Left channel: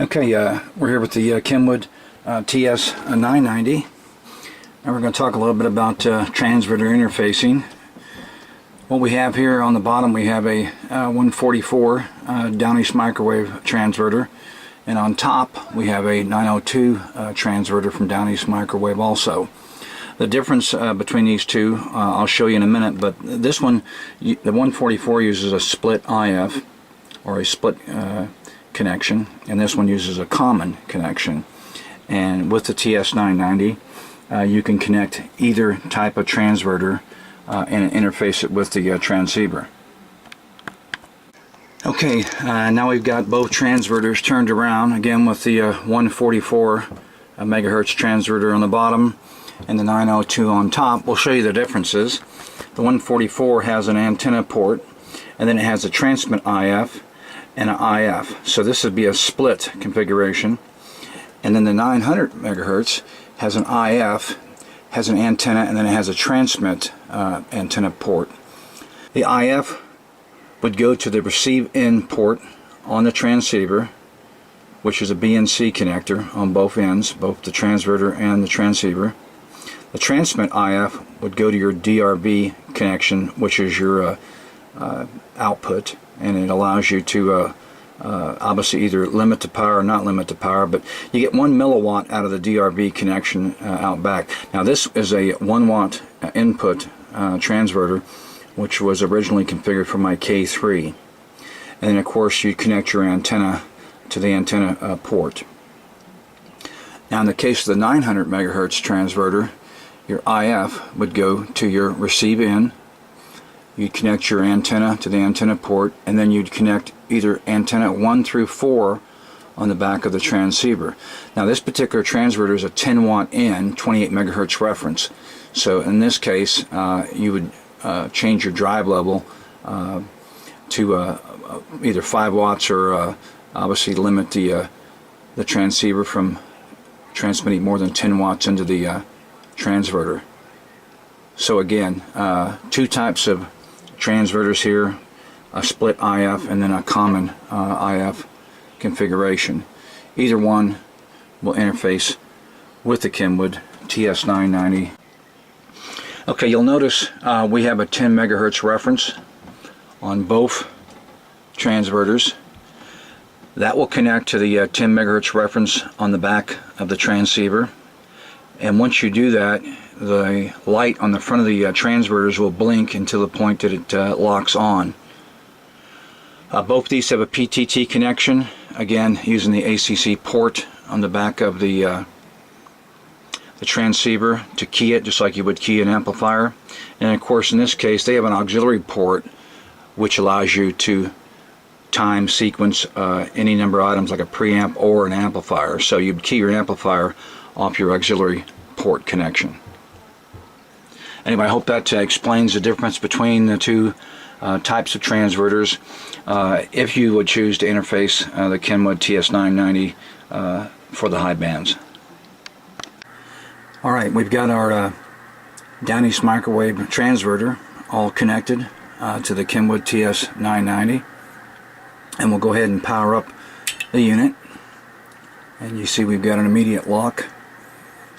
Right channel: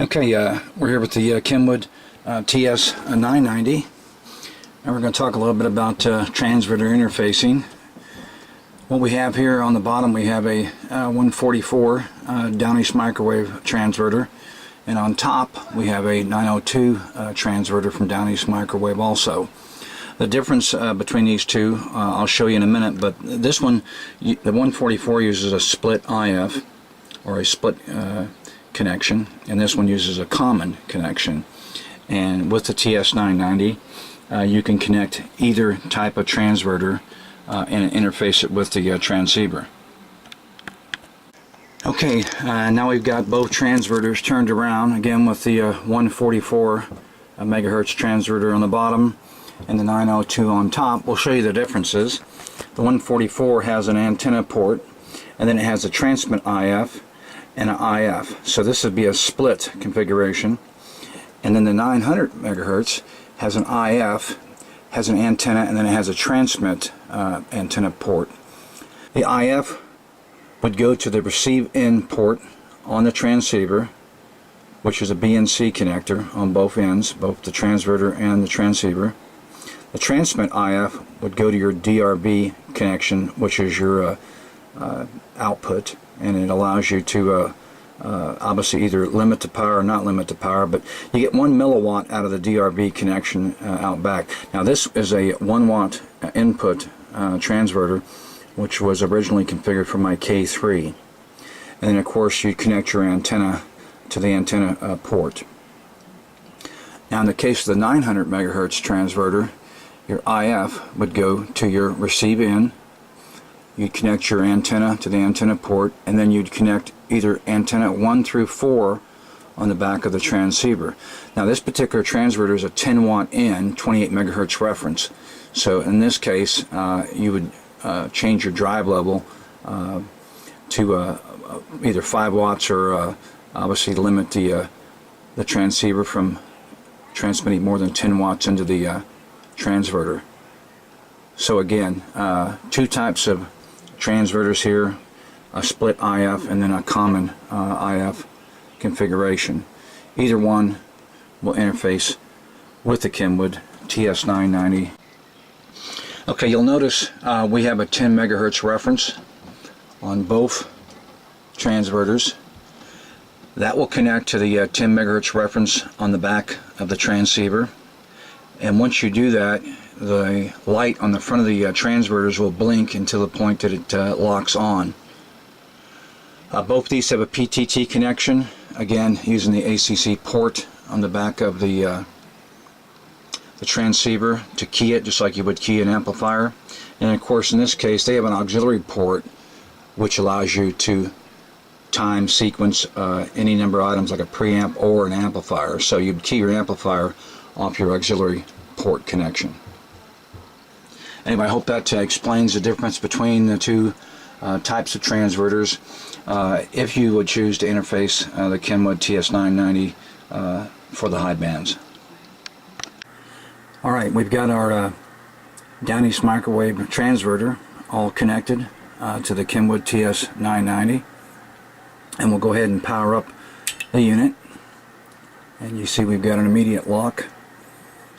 Okay, we're here with the Kenwood TS990, and we're going to talk a little bit about transverter interfacing. What we have here on the bottom, we have a 144 Eastt Microwave transverter, and on top we have a 902 transverter from Eastt Microwave also. The difference between these two I'll show you in a minute, but this one, the 144 uses a split IF, or a split connection, and this one uses a common connection. And with the TS990 you can connect either type of transverter and interface it with the transceiver. Okay, now we've got both transverters turned around, again with the 144 megahertz transverter on the bottom and the 902 on top. We'll show you the differences. The 144 has an antenna port, and then it has a transmit IF and an IF. So this would be a split configuration. And then the 900 megahertz has an IF, has an antenna, and then it has a transmit antenna port. The IF would go to the receive in port on the transceiver, which is a BNC connector on both ends, both the transverter and the transceiver. The transmit IF would go to your DRB connection, which is your output, and it allows you to obviously either limit the power or not limit the power, but you get 1 milliwatt out of the DRB connection out back. Now this is a 1 watt input transverter, which was originally configured for my K3, and then of course you connect your antenna to the antenna port. Now in the case of the 900 megahertz transverter, your IF would go to your receive in. You'd connect your antenna to the antenna port, and then you'd connect either antenna 1 through 4 on the back of the transceiver. Now this particular transverter is a 10 watt in, 28 megahertz reference. So in this case you would change your drive level to either 5 watts or obviously limit the transceiver from transmitting more than 10 watts into the transverter. So again, two types of transverters here, a split IF and then a common IF configuration. Either one will interface with the Kenwood TS990. Okay, you'll notice we have a 10 megahertz reference on both transverters. That will connect to the 10 megahertz reference on the back of the transceiver, and once you do that, the light on the front of the transverters will blink until the point that it locks on. Both of these have a PTT connection, again using the ACC port on the back of the transceiver to key it, just like you would key an amplifier. And of course in this case they have an auxiliary port which allows you to time sequence any number of items like a preamp or an amplifier. So you'd key your amplifier off your auxiliary port connection. Anyway, I hope that explains the difference between the two types of transverters if you would choose to interface the Kenwood TS990 for the high bands. Alright, we've got our Eastt Microwave transverter all connected to the Kenwood TS990, and we'll go ahead and power up the unit. And you see we've got an immediate lock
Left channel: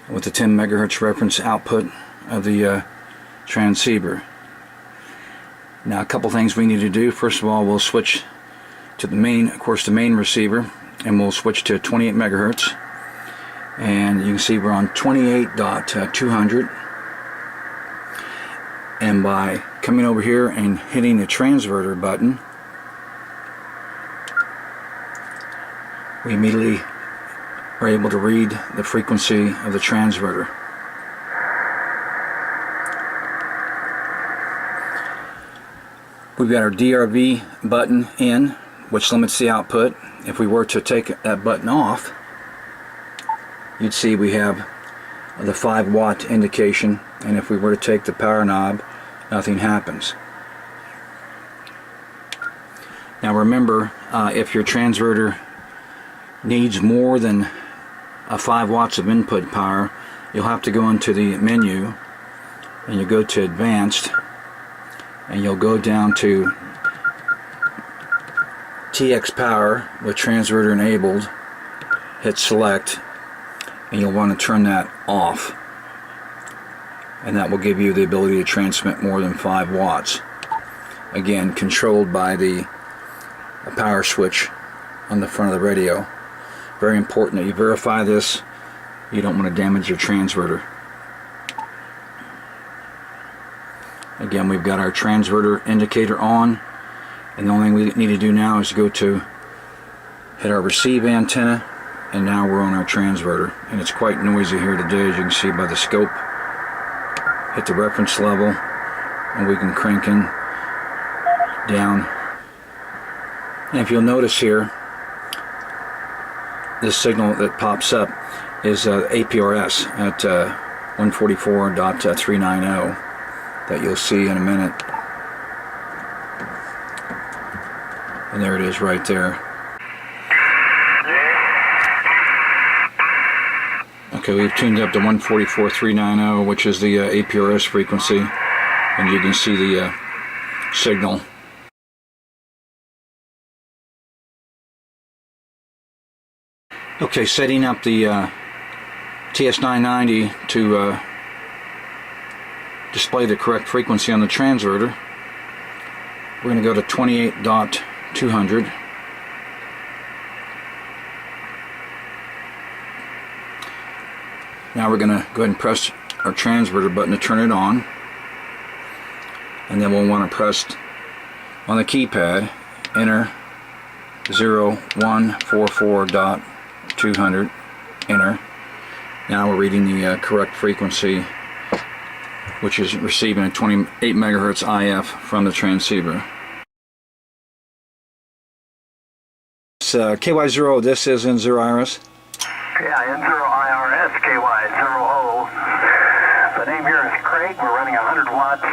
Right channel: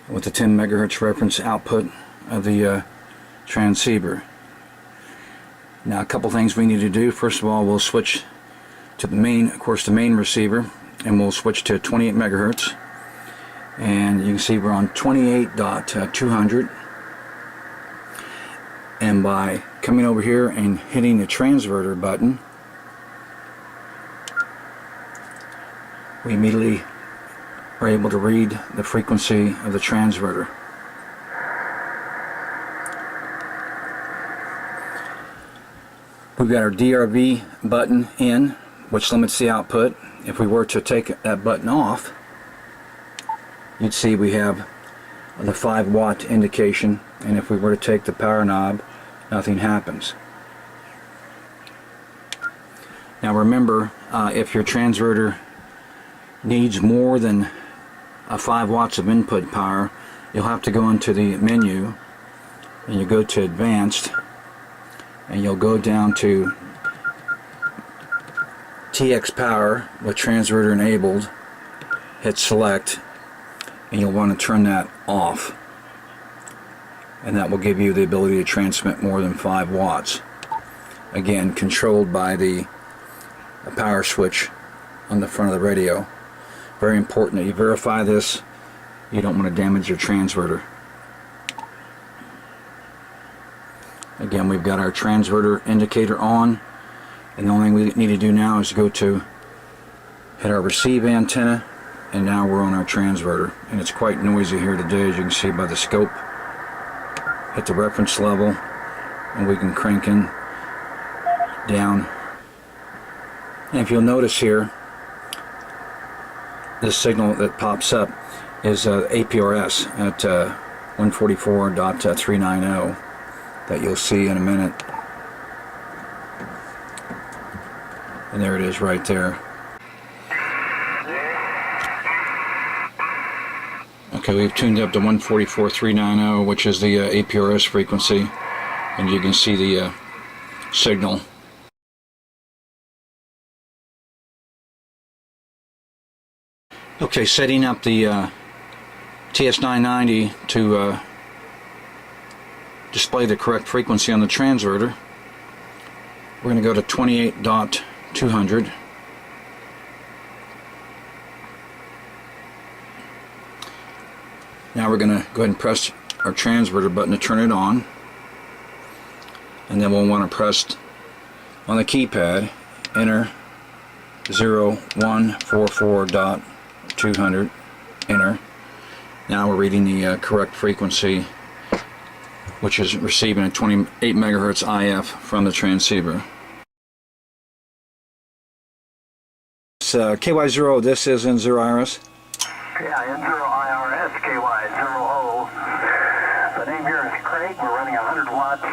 with the 10 megahertz reference output of the transceiver. Now a couple things we need to do. First of all, we'll switch to the main, of course the main receiver, and we'll switch to 28 megahertz, and you can see we're on 28.200, and by coming over here and hitting the transverter button, we immediately are able to read the frequency of the transverter. We've got our DRB button in, which limits the output. If we were to take that button off, you'd see we have the 5 watt indication, and if we were to take the power knob, nothing happens. Now remember, if your transverter needs more than 5 watts of input power, you'll have to go into the menu and you go to Advanced, and you'll go down to TX Power with transverter enabled, hit select, and you'll want to turn that off, and that will give you the ability to transmit more than 5 watts. Again, controlled by the power switch on the front of the radio. Very important that you verify this. You don't want to damage your transverter. Again, we've got our transverter indicator on, and the only thing we need to do now is go to hit our receive antenna, and now we're on our transverter. And it's quite noisy here today, as you can see by the scope. Hit the reference level, and we can crank in down. And if you'll notice here, this signal that pops up is APRS at 144.390 that you'll see in a minute. And there it is right there. Okay, we've tuned up to 144.390, which is the APRS frequency, and you can see the signal. Okay, setting up the TS990 to display the correct frequency on the transverter. We're going to go to 28.200. Now we're going to go ahead and press our transverter button to turn it on, and then we'll want to press on the keypad enter 0144.200, enter. Now we're reading the correct frequency, which is receiving a 28 megahertz IF from the transceiver. It's KY0, this is N0 IRS. Yeah, N0 IRS, KY0O. The name here is Craig. We're running 100 watts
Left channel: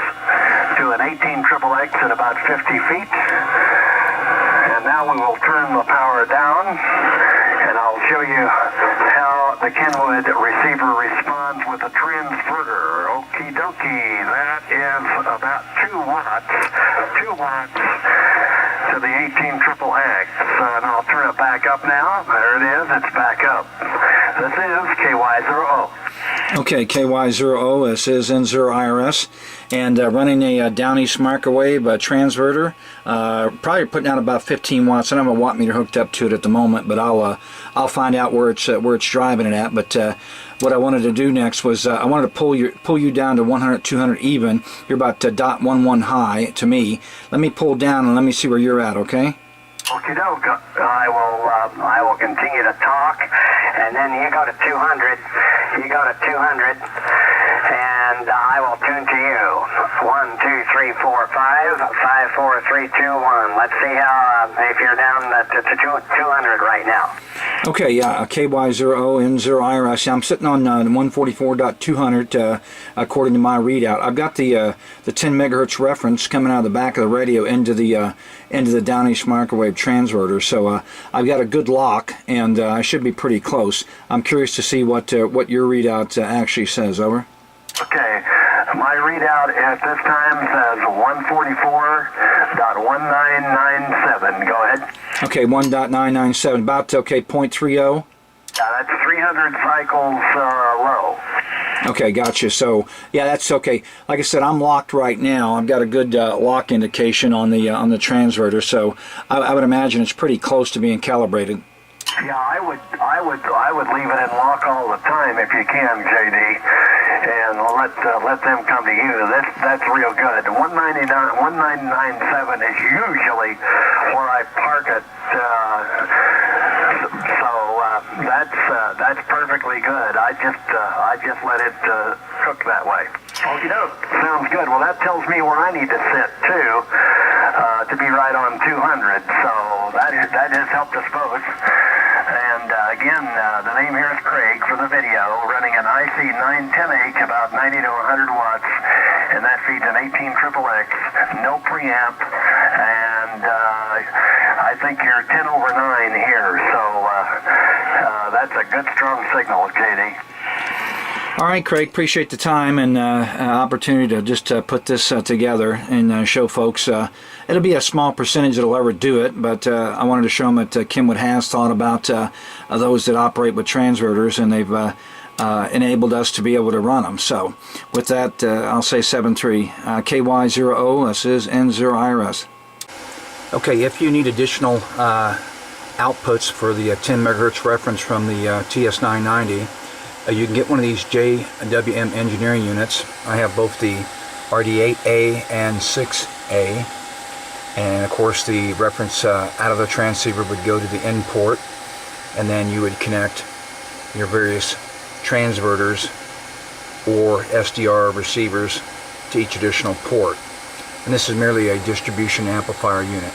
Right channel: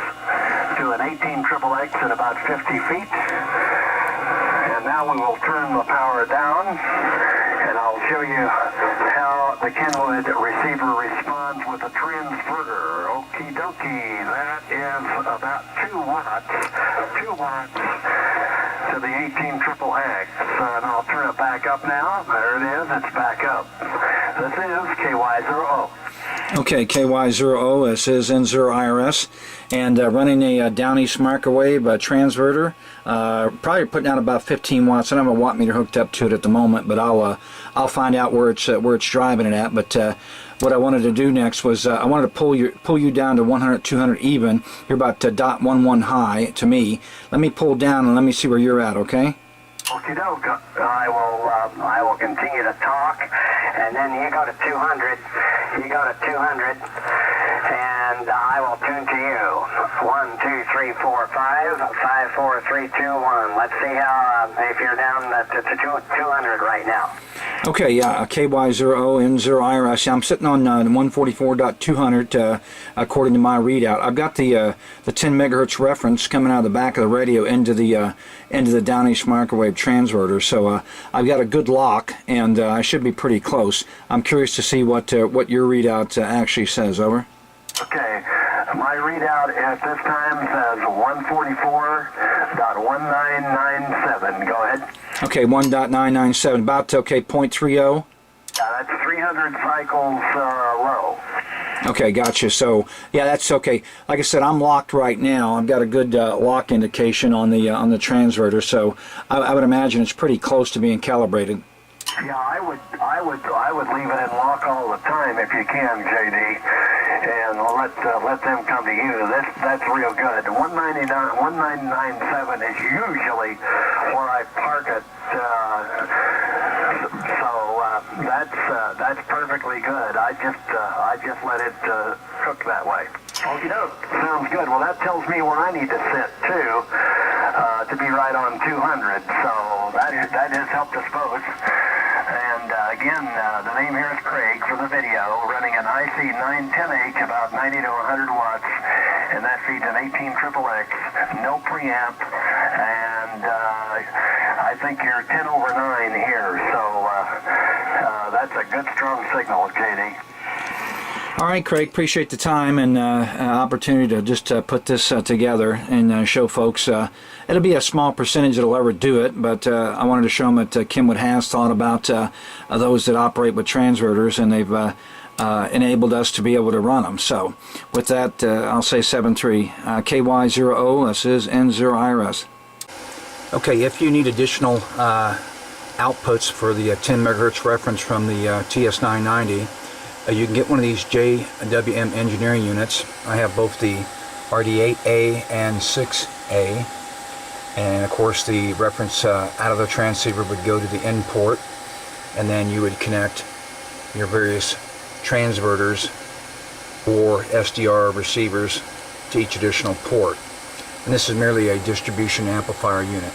to an 18XXX at about 50 feet. And now we will turn the power down, and I'll show you how the Kenwood receiver responds with a transverter. Okie dokie, that is about 2 watts to the 18XXX. And I'll turn it back up now. There it is, it's back up. This is KY0O. Okay, KY0O, this is N0 IRS, and running a down Eastt Microwave transverter, probably putting out about 15 watts. I don't have a watt meter hooked up to it at the moment, but I'll find out where it's driving it at. But what I wanted to do next was I wanted to pull you down to 100, 200 even. You're about .11 high to me. Let me pull down and let me see where you're at, okay? Okie doke. I will continue to talk, and then you go to 200. You go to 200, and I will tune to you. 1, 2, 3, 4, 5, 5, 4, 3, 2, 1. Let's see how if you're down to 200 right now. Okay, yeah, KY0O, N0 IRS. I'm sitting on 144.200 according to my readout. I've got the 10 megahertz reference coming out of the back of the radio into the down Eastt Microwave transverter. So I've got a good lock, and I should be pretty close. I'm curious to see what your readout actually says. Over. Okay, my readout at this time says 144.1997. Go ahead. Okay, 1.997, about 0.30. Yeah, that's 300 cycles low. Okay, gotcha. So yeah, that's okay. Like I said, I'm locked right now. I've got a good lock indication on the transverter, so I would imagine it's pretty close to being calibrated. Yeah, I would leave it in lock all the time if you can, JD, and let them come to you. That's real good. 1997 is usually where I park it, that's perfectly good. I just let it cook that way. Okie doke. Sounds good. Well, that tells me where I need to sit too, to be right on 200. So that has helped us both. And again, the name here is Craig for the video, running an IC 910A, about 90 to 100 watts, and that feeds an 18XXX, no preamp, and I think you're 10 over 9 here, so that's a good strong signal, JD. All right, Craig, appreciate the time and opportunity to just put this together and show folks. It'll be a small percentage that'll ever do it, but I wanted to show them that Kenwood has thought about those that operate with transverters, and they've enabled us to be able to run them. So with that, I'll say 7.3 KY0O. This is N0IRS. Okay, if you need additional outputs for the 10 megahertz reference from the TS990, you can get one of these JWM engineering units. I have both the RD8A and 6A, and of course the reference out of the transceiver would go to the in port, and then you would connect your various transverters or SDR receivers to each additional port. And this is merely a distribution amplifier unit.